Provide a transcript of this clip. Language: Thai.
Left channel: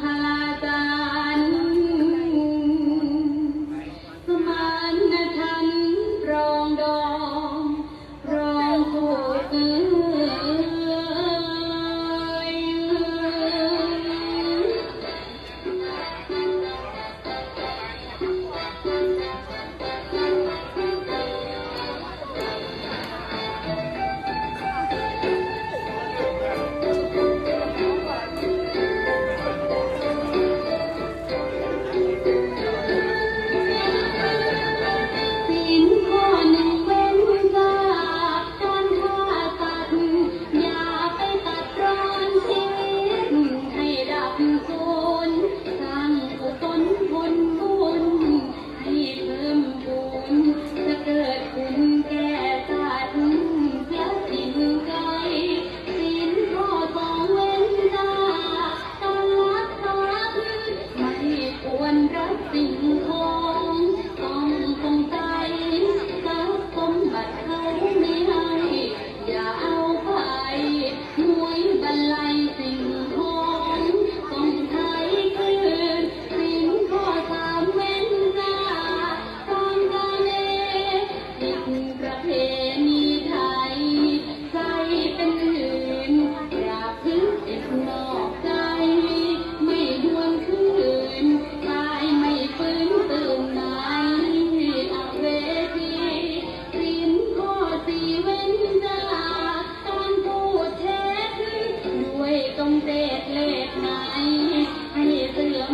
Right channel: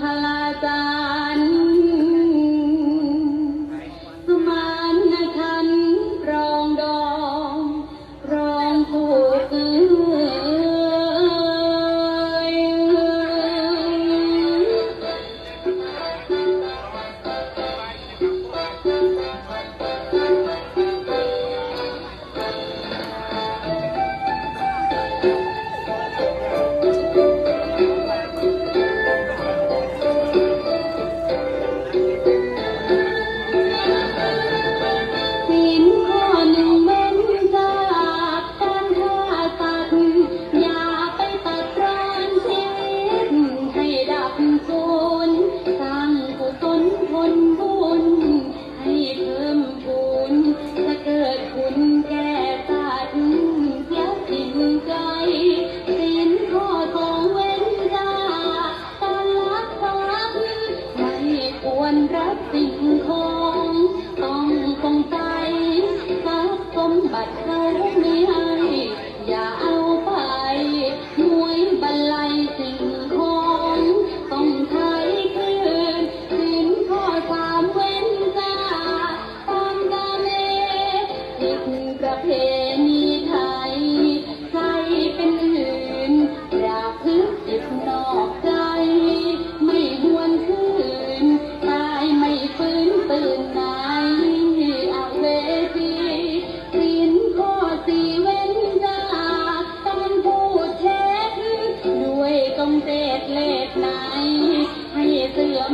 Mantra. ต้องเด็กเล็ขไหนให้เสื่อม